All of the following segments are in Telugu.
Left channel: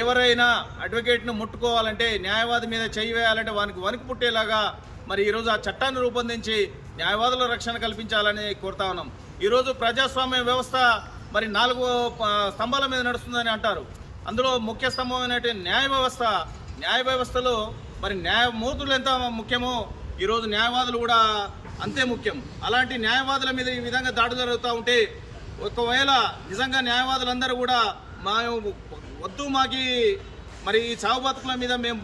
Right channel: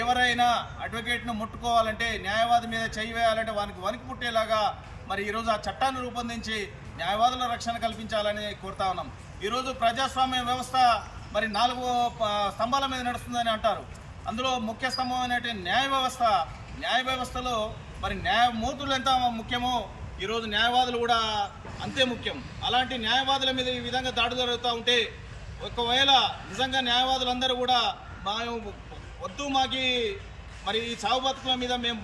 ఎవరైనా అడ్వకేట్ను ముట్టుకోవాలంటే, న్యాయవాది మీద చేయి వేయాలంటే వానికి వణుకు పుట్టేలాగా మరి ఈరోజు ఆ చట్టాన్ని రూపొందించి న్యాయవాదుల రక్షణ కల్పించాలని కోరుతా ఉన్నాం. ఈరోజు ప్రజాస్వామ్య వ్యవస్థ మరి 4 స్తంభాల మీద నడుస్తుందని అంటారు. అందులో ముఖ్య స్తంభం అనేటువంటి న్యాయ వ్యవస్థలో మరి న్యాయమూర్తులు ఎంత ముఖ్యమో ఈరోజు న్యాయవాదులు కూడా అంతే ముఖ్యం. అలాంటి న్యాయవాదుల మీద ఈ విధంగా దాడి జరుగుతూ ఉంటే, ఒకవేళ నిజంగా న్యాయవాదులందరూ కూడా వద్దు మాకి మరి ఈ చావు బతుకుల మీద మేము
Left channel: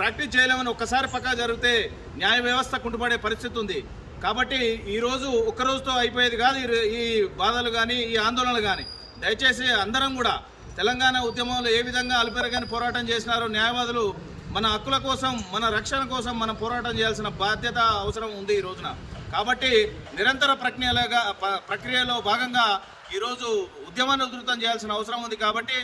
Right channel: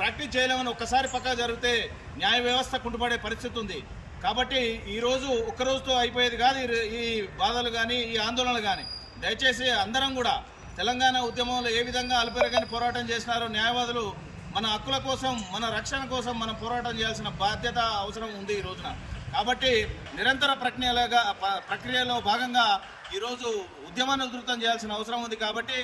ప్రాక్టీస్ చేయలేమని ఒక్కసారి పక్కా జరిగితే న్యాయ వ్యవస్థ కుంటుపడే పరిస్థితి ఉంది. కాబట్టి ఈరోజు ఒక్కరోజుతో అయిపోయేది కాదు ఈ బాధలు కానీ ఈ ఆందోళనలు కానీ. దయచేసి అందరం కూడా తెలంగాణ ఉద్యమంలో ఏ విధంగా అలుపెరగని పోరాటం చేసినారో న్యాయవాదులు మన హక్కుల కోసం, మన రక్షణ కోసం మనం పోరాటం చేయాల్సిన బాధ్యత అవసరం ఉంది ఈ రోజున. కాబట్టి నిరంతర ప్రక్రియలో భాగంగా ఈరోజు ఉద్యమాన్ని ఉధృతం చేయాల్సిన అవసరం ఉంది. కాబట్టి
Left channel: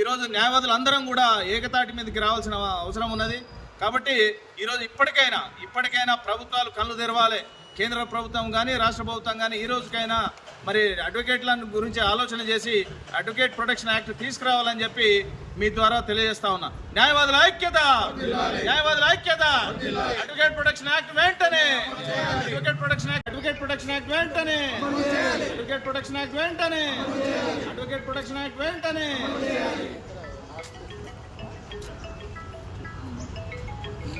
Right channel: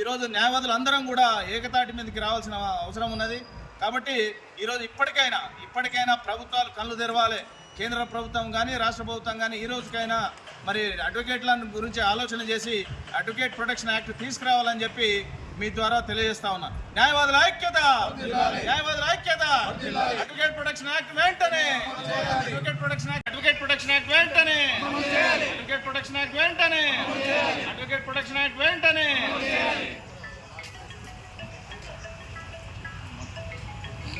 ఈరోజు న్యాయవాదులు అందరం కూడా ఏకతాటి మీదకి రావాల్సిన అవసరం ఉన్నది. కాబట్టి ఈరోజు ఇప్పటికైనా ప్రభుత్వాలు కళ్ళు తెరవాలి. కేంద్ర ప్రభుత్వం కానీ రాష్ట్ర ప్రభుత్వం కానీ ఈ రోజుకైనా మరి అడ్వకేట్ల గురించి ఆలోచన చేసి అడ్వకేట్ ప్రొటెక్షన్ యాక్ట్ తీసుకురావాలని చెప్పి మీ ద్వారా తెలియజేస్తా ఉన్నా. న్యాయవాదుల ఐక్యత, అడ్వకేట్ ప్రొటెక్షన్ యాక్ట్ వెంటనే, అడ్వకేట్ ప్రొటెక్షన్ యాక్ట్ వెంటనే.